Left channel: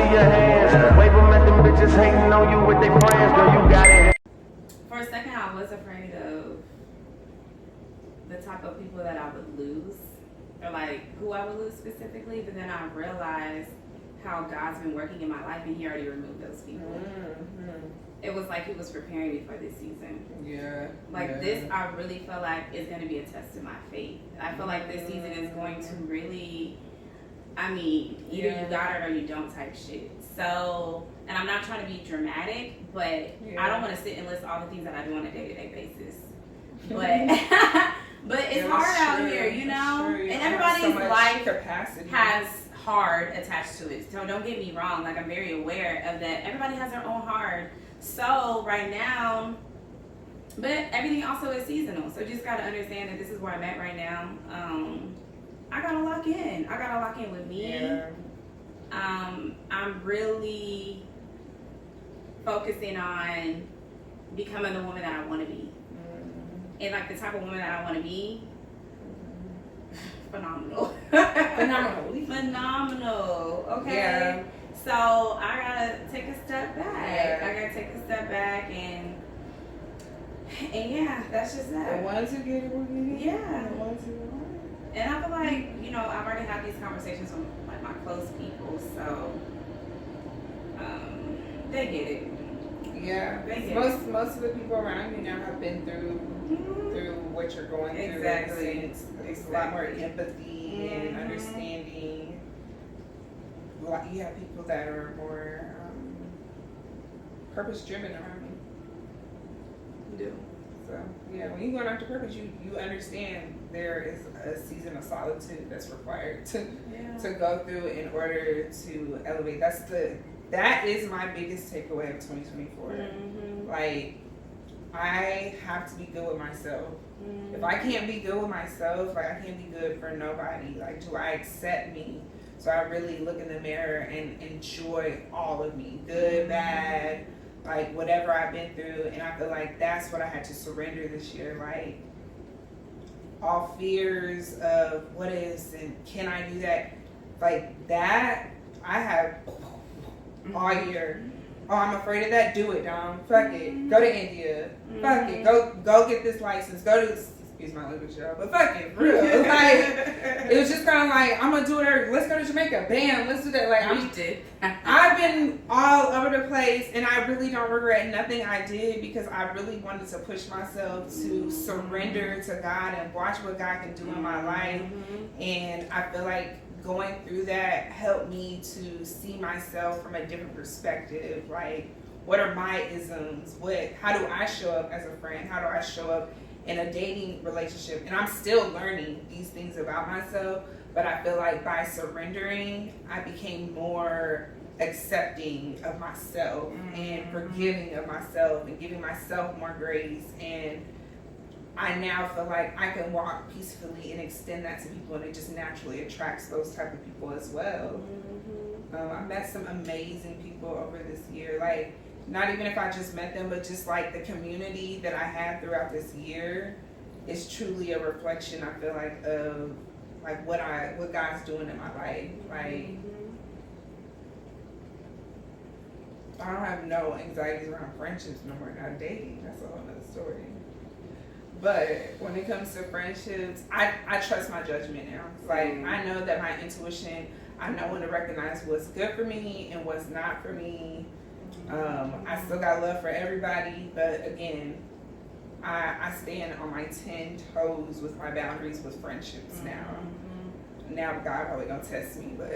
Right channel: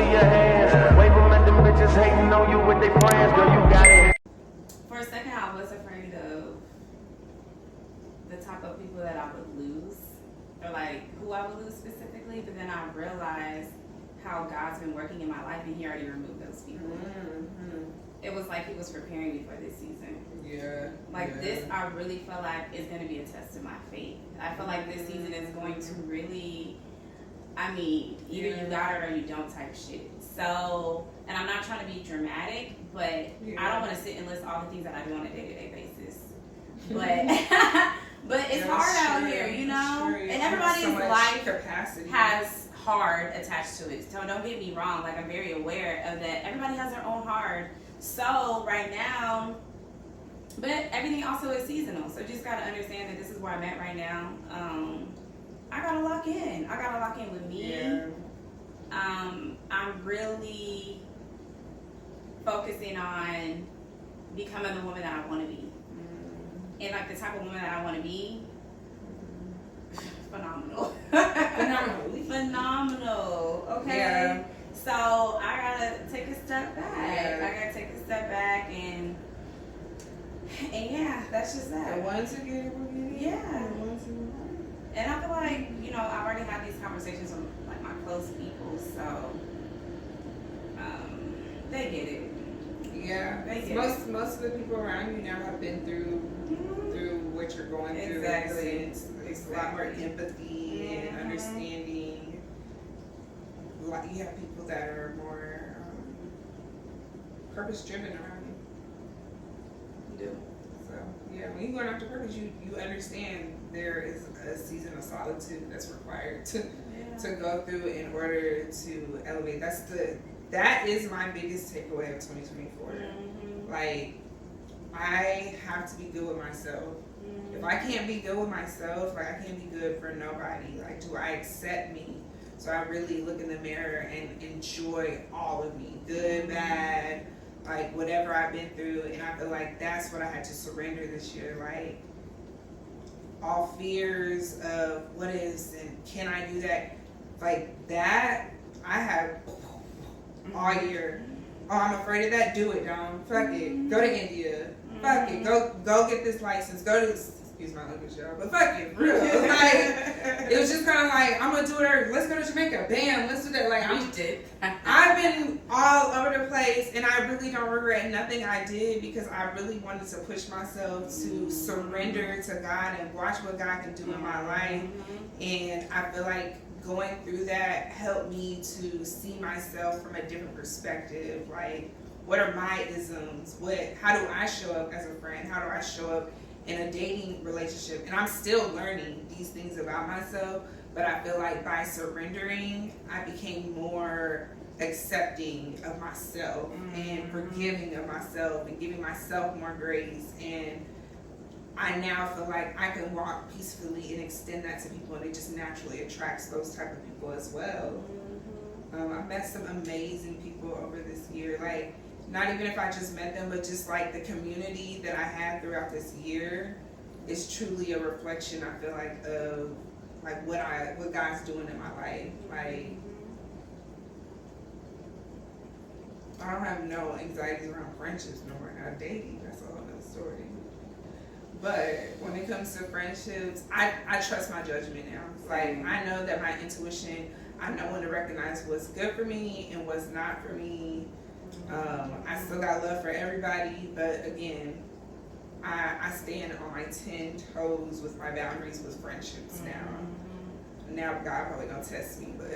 see your hands. Wave them at them bitches hating on you with their friends. Girl, you got it. For a second, I was afraid of the type of people that I would lose, or like who I would lose specifically. But then I realized how God's been working in my life, and He already removed those people. Mm-hmm. It was like He was preparing me for this season. This, I really feel like is going to be a test of my faith. I feel like this season is going to really, either you got it or you don't type shit. So, and I'm not trying to be dramatic, but I don't want to sit and list all the things that I do on a day-to-day basis. But it's hard out here, you know? And everybody's life has hard attached to it. So don't get me wrong, like I'm very aware of that. Everybody has their own hard. So right now, but everything also is seasonal. So you just got to understand that this is where I'm at right now. I got to lock in. I got to lock in with me. Yeah. I'm really focusing on becoming the woman that I want to be. And like the type of woman that I want to be, phenomenal. Phenomenal. Okay. Yeah. So I gotta take a step back. Yeah. I gotta take a step back and yeah, that's just that. The ones who get it will get it. Yeah. The ones who won't. And I feel like, I've already had these conversations with like my close people, so they get it. Yeah. They get most of the people around you now have been through what you're going through. Exactly. It's a lot more empathy and understanding. You have people that are more purpose driven around you. You do. So yeah, when you're going after purpose, you understand there is a season of solitude that's required to go through in order to elevate. That is my biggest takeaway of 2024. Mm-hmm. Like, I have to be good with myself. Mm-hmm. If I can't be good with myself, like I can't be good for nobody. Like, do I accept me? So I really look in the mirror and enjoy all of me, good, bad, like whatever I've been through. And I feel like that's what I had to surrender this year. Like, all fears of what is and can I do that, like that I have all year. Oh, I'm afraid of that. Do it, Dom. Fuck it. Go to India. Fuck it. Go get this license. Go to, excuse my language, y'all, but fuck it, for real. Like, it was just kind of like, I'm gonna do it. Let's go to Jamaica. Bam. Let's do that. Like, I've been all over the place, and I really don't regret nothing I did because I really wanted to push myself to surrender to God and watch what God can do in my life. And I feel like going through that helped me to see myself from a different perspective. Like, what are my isms? How do I show up as a friend? How do I show up in a dating relationship? And I'm still learning these things about myself, but I feel like by surrendering, I became more accepting of myself and forgiving of myself and giving myself more grace. And I now feel like I can walk peacefully and extend that to people, and it just naturally attracts those type of people as well. I met some amazing people over this year. Like, not even if I just met them, but just like the community that I had throughout this year is truly a reflection, I feel like, of like what God's doing in my life. Like, I don't have no anxieties around friendships no more. Now dating, that's a whole other story. But when it comes to friendships, I trust my judgment now. Like, I know that my intuition, I know when to recognize what's good for me and what's not for me. I still got love for everybody, but again, I stand on my 10 toes with my boundaries with friendships now. Now God probably gonna test me, but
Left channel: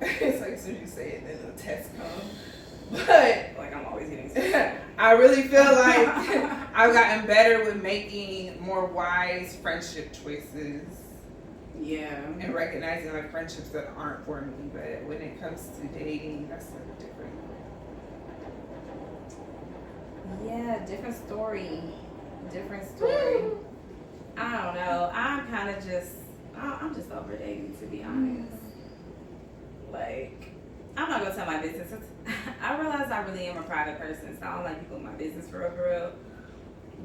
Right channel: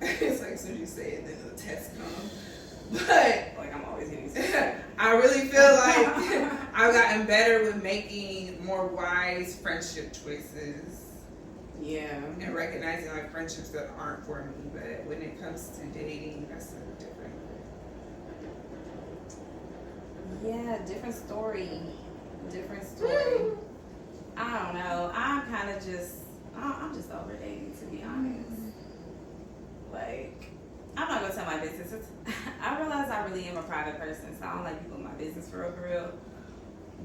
it's like as soon as you say it, then the test comes. But like I'm always getting I really feel like I've gotten better with making more wise friendship choices. Yeah. And recognizing like friendships that aren't for me. But when it comes to dating, that's a different. Yeah, different story. I don't know. I'm just over dating, to be honest. Like, I'm not gonna tell my business. I realize I really am a private person, so I don't like people in my business for real.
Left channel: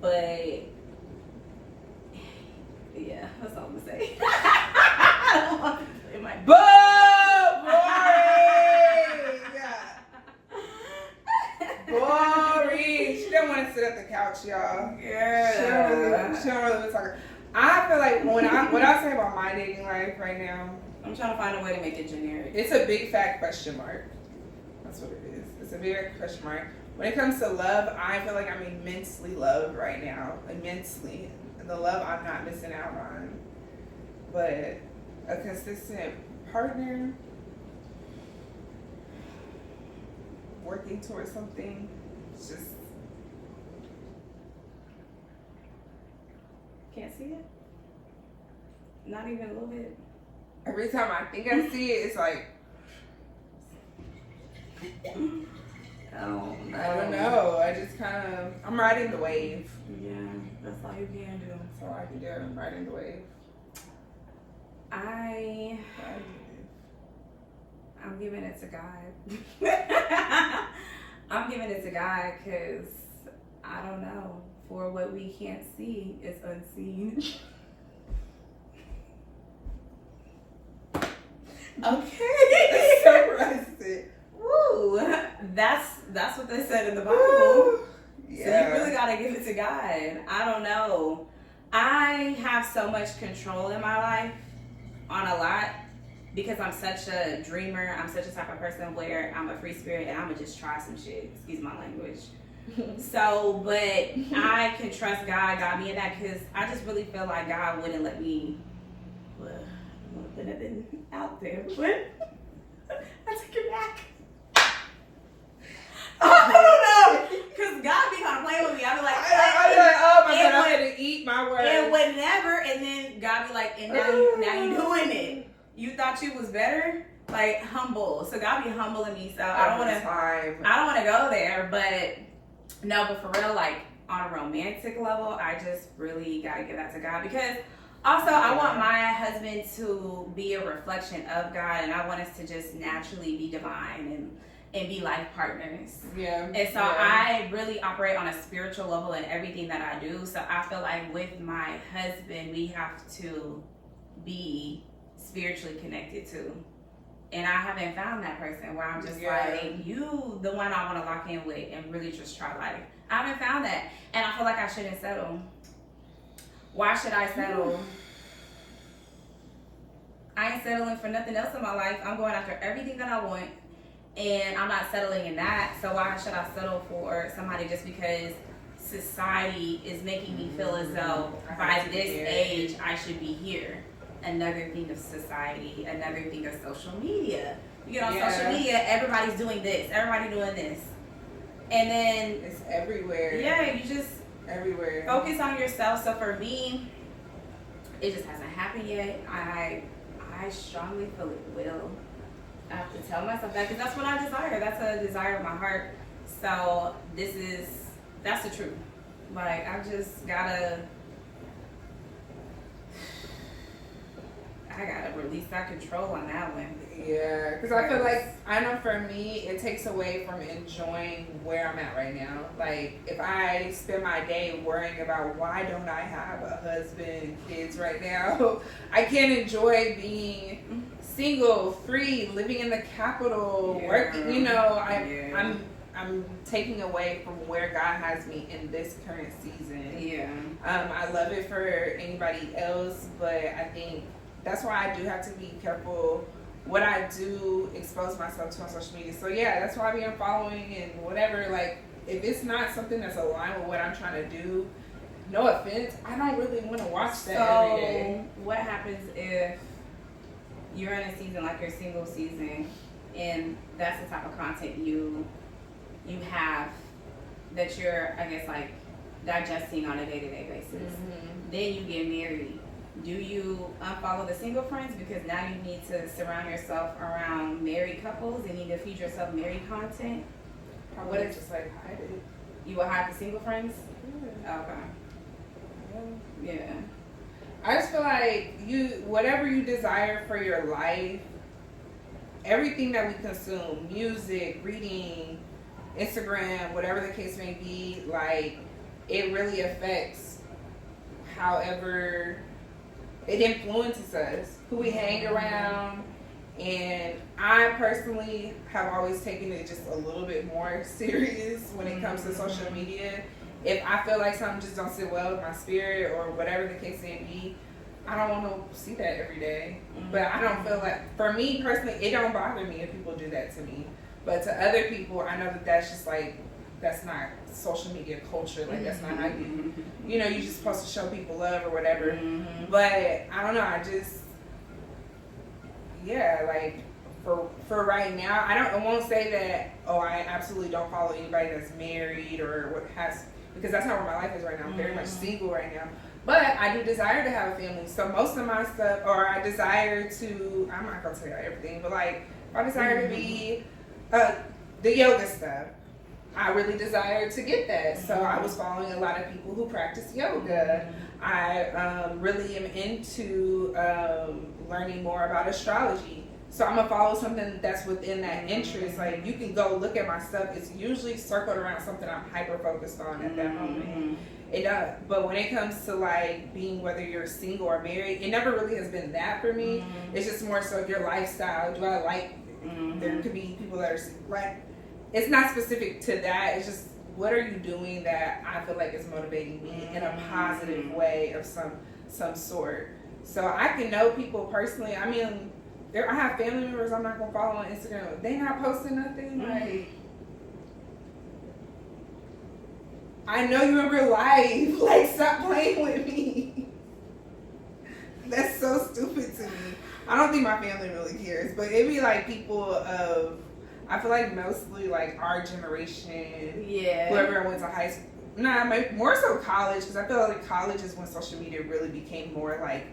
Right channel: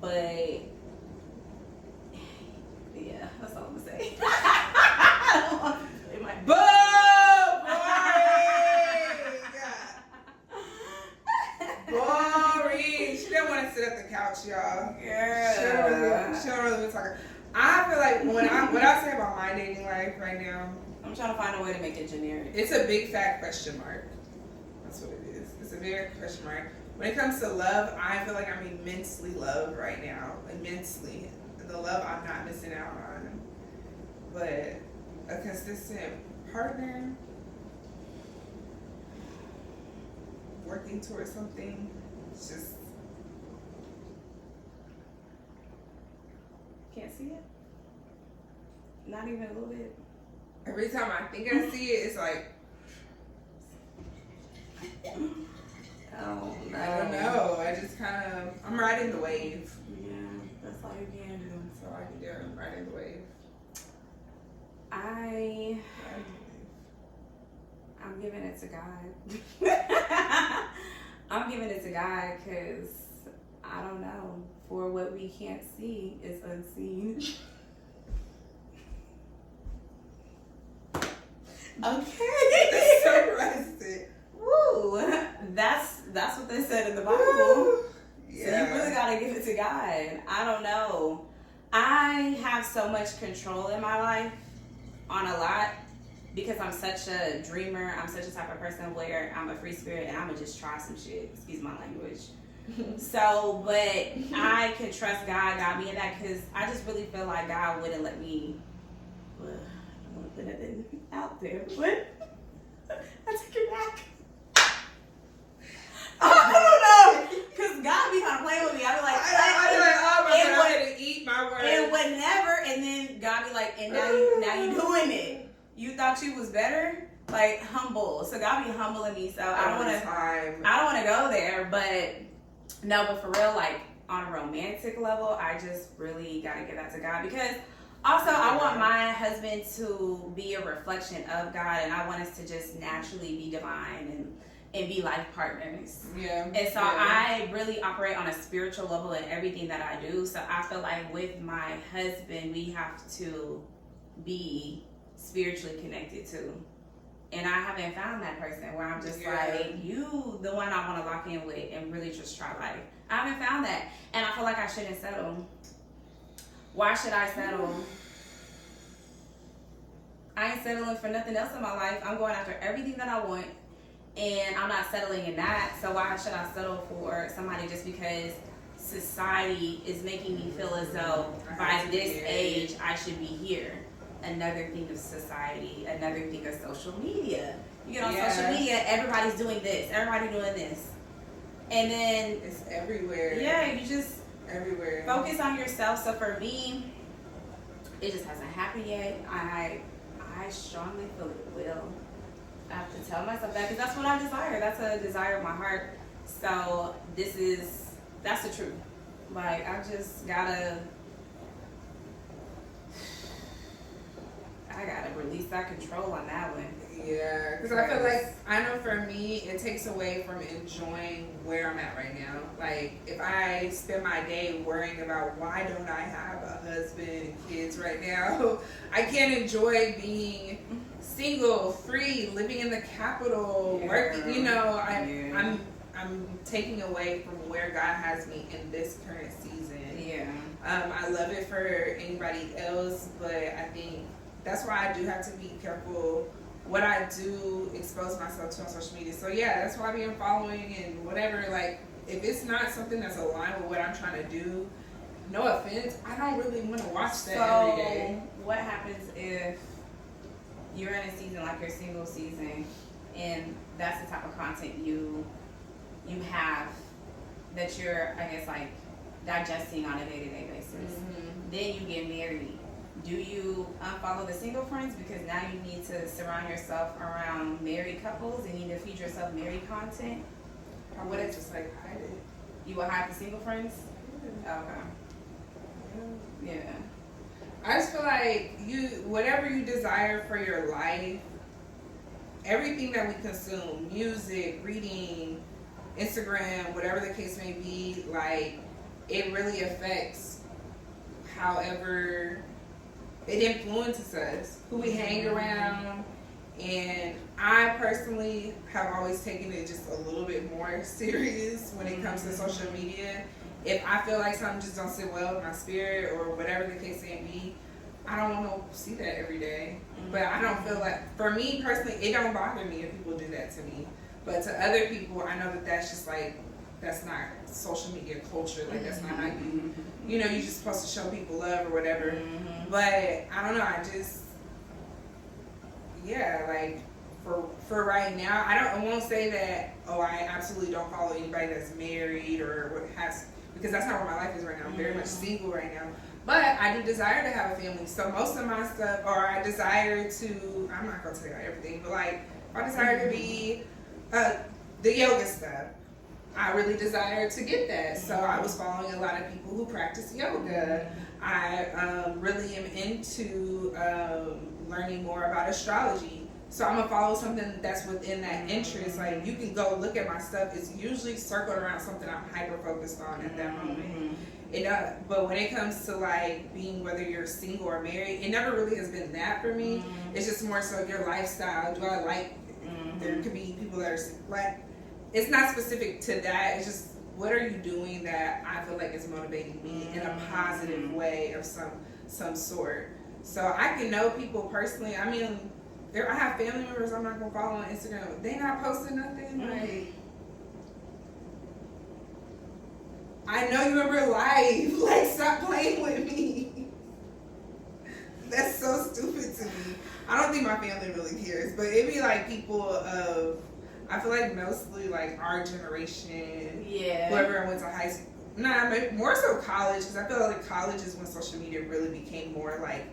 But yeah, that's all I'm gonna say. Boring! my dating life right now. I'm trying to find a way to make it generic. It's a big fat question mark. That's what it is. It's a big question mark. When it comes to love, I feel like I'm immensely loved right now. Immensely. And the love I'm not missing out on. But a consistent partner, working towards something, it's just... Can't see it? Not even a little bit? Every time I think I see it, it's like... Oh, no. I don't know. I just kind of... I'm riding the wave. Yeah, that's all you can do. That's all I can do. I'm riding the wave. I'm giving it to God. I'm giving it to God because I don't know. For what we can't see is unseen. Okay. So arrested. Woo. That's what they said in the Bible. Yeah. So you really gotta give it to God. I don't know. I have so much control in my life on a lot because I'm such a dreamer. I'm such a type of person where I'm a free spirit and I'm gonna just try some shit. Excuse my language. So, but I can trust God got me in that because I just really feel like God wouldn't let me. Well, I don't want to put nothing out there, but I take it back. I don't know, because God be kind of playing with me. I be like, oh my God, I'm going to eat my word. And whenever, and then God be like, and now you doing it. You thought you was better? Like, humble. So God be humbling me. So I don't want to go there, but no, but for real, like on a romantic level, I just really got to give that to God because also I want my husband to be a reflection of God and I want us to just naturally be divine and be life partners. Yeah. And so I really operate on a spiritual level in everything that I do. So I feel like with my husband, we have to be spiritually connected too. And I haven't found that person where I'm just like, you, the one I want to lock in with and really just try life. I haven't found that. And I feel like I shouldn't settle. Why should I settle? I ain't settling for nothing else in my life. I'm going after everything that I want. And I'm not settling in that. So why should I settle for somebody just because society is making me feel as though by this age I should be here? Another thing of society, another thing of social media. You get on social media, everybody's doing this, everybody doing this. And then it's everywhere. Yeah, you just everywhere. Focus on yourself. So for me, it just hasn't happened yet. I strongly feel it will. I have to tell myself that because that's what I desire. That's a desire of my heart. So that's the truth. Like I just gotta release that control on that one. Yeah, because I feel like, I know for me, it takes away from enjoying where I'm at right now. Like, if I spend my day worrying about why don't I have a husband and kids right now, I can't enjoy being single, free, living in the capital, working, you know, I'm taking away from where God has me in this current season. Yeah. I love it for anybody else, but I think that's why I do have to be careful what I do expose myself to on social media. So yeah, that's why I be unfollowing and whatever. Like, if it's not something that's aligned with what I'm trying to do, no offense, I don't really want to watch that every day. What happens if you're in a season like your single season and that's the type of content you have that you're, I guess, like digesting on a day-to-day basis? Then you get married. Do you unfollow the single friends because now you need to surround yourself around married couples and you need to feed yourself married content? Probably just like hide it. You will hide the single friends? Yeah. Okay. Yeah. I just feel like whatever you desire for your life, everything that we consume, music, reading, Instagram, whatever the case may be, like, it really affects however it influences us, who we hang around. And I personally have always taken it just a little bit more serious when it comes to social media. If I feel like something just don't sit well with my spirit or whatever the case may be, I don't want to see that every day. But I don't feel like, for me personally, it don't bother me if people do that to me. But to other people, I know that that's just like, that's not social media culture. Like, that's not how you, you know, you're just supposed to show people love or whatever. But I don't know, I just, yeah, like, for right now, I won't say that, oh, I absolutely don't follow anybody that's married or what has, because that's not where my life is right now. I'm very much single right now. But I do desire to have a family. So most of my stuff, or I desire to, I'm not going to tell you everything, but like, I desire to be, the yoga stuff. I really desire to get that. So I was following a lot of people who practice yoga. I really am into learning more about astrology. So I'm gonna follow something that's within that interest. Like, you can go look at my stuff. It's usually circled around something I'm hyper focused on at that moment. But when it comes to like being, whether you're single or married, it never really has been that for me. It's just more so your lifestyle. Do I like? There could be people that are like, it's not specific to that. It's just, what are you doing that I feel like is motivating me in a positive way of some sort. So I can know people personally. I mean, I have family members I'm not gonna follow on Instagram. They not posting nothing. Like, I know you in real life. Like, stop playing with me. That's so stupid to me. I don't think my family really cares, but it be like people of, I feel like mostly like our generation. Yeah. Whoever I went to high school. Nah, more so college, because I feel like college is when social media really became more like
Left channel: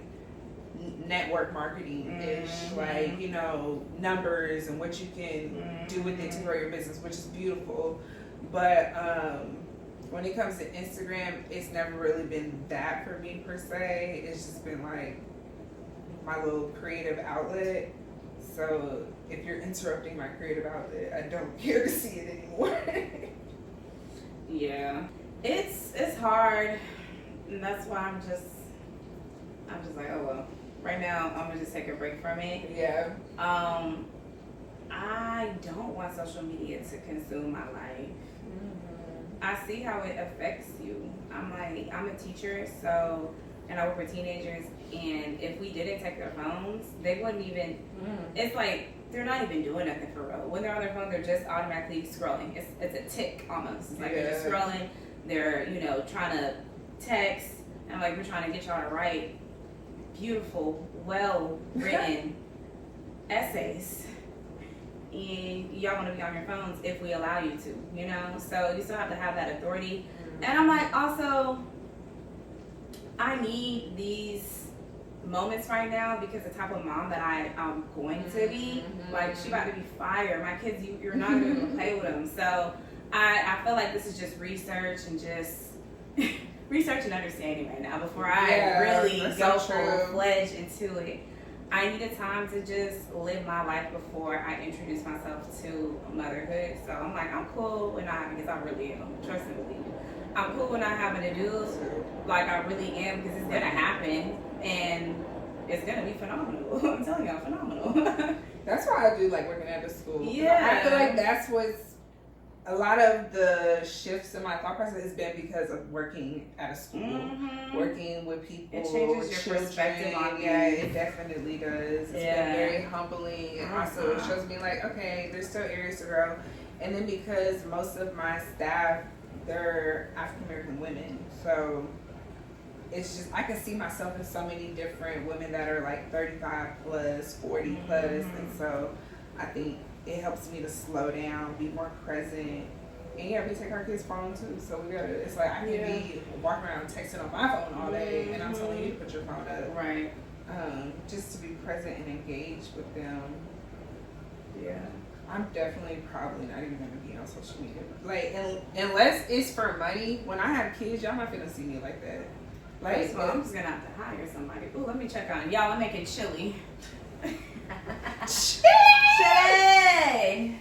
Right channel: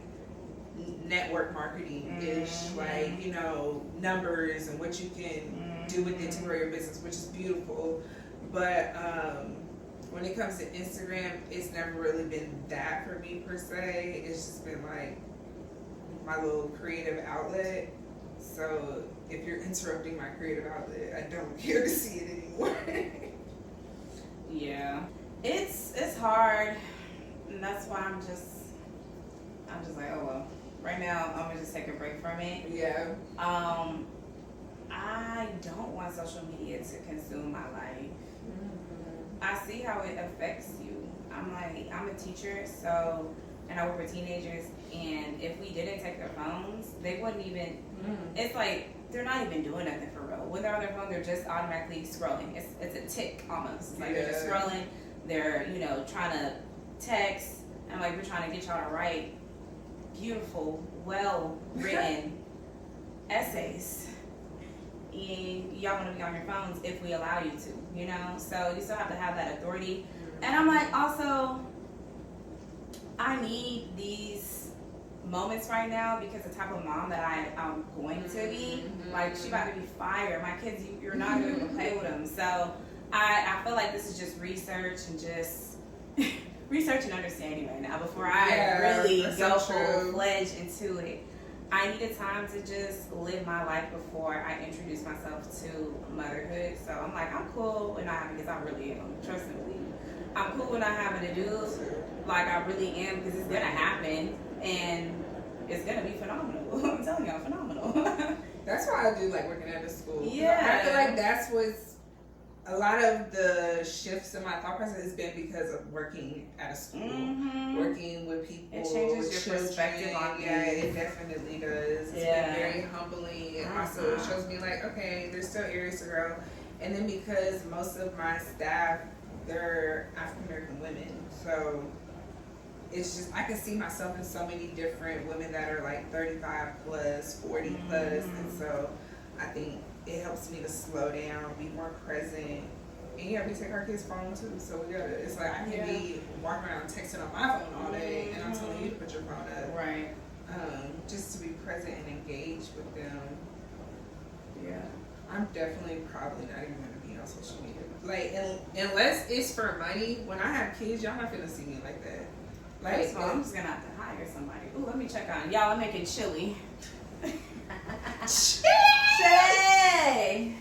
network marketing-ish, like, you know, numbers and what you can do with it to grow your business, which is beautiful. But when it comes to Instagram, it's never really been that for me per se. It's just been like my little creative outlet. So if you're interrupting my creative outlet, I don't care to see it anymore. Yeah, it's hard, and that's why I'm just like, oh well. Right now, I'm gonna just take a break from it. Yeah. I don't want social media to consume my life. I see how it affects you. I'm a teacher, so, and I work with teenagers, and if we didn't take their phones, they wouldn't even, it's like, they're not even doing nothing for real. When they're on their phone, they're just automatically scrolling. It's a tick almost. It's like they're just scrolling, they're, you know, trying to text, and like, we're trying to get y'all to write beautiful, well-written essays. And y'all want to be on your phones if we allow you to, you know? So you still have to have that authority. And I'm like, also, I need these moments right now because the type of mom that I'm going to be, like, she about to be fired. My kids, you're not going to be able to play with them. So I feel like this is just research and just research and understanding right now before I really go full-fledged into it. I need a time to just live my life before I introduce myself to motherhood. So I'm like, I'm cool when because I really am, trust me. I'm cool when I having to do, like I really am, because it's gonna happen and it's gonna be phenomenal. I'm telling y'all, phenomenal. That's why I do like working at a school. Yeah. I feel like that's what's, a lot of the shifts in my thought process has been because of working at a school, working with people. It changes your perspective on it. Yeah, it definitely does. It's been very humbling, and also it shows me like, okay, there's still areas to grow. And then because most of my staff, they're African American women, so it's just, I can see myself in so many different women that are like 35 plus, 40 plus, and so I think it helps me to slow down, be more present. And yeah, we take our kids' phone too, so we gotta, it's like I can be walking around texting on my phone all day, and I'm telling you to put your phone up. Right. Just to be present and engaged with them. Yeah. I'm definitely probably not even gonna be on social media. Like, unless it's for money, when I have kids, y'all not gonna see me like that. Like, so I'm just gonna have to hire somebody. Ooh, let me check on it. Y'all, I'm making chili. Shay!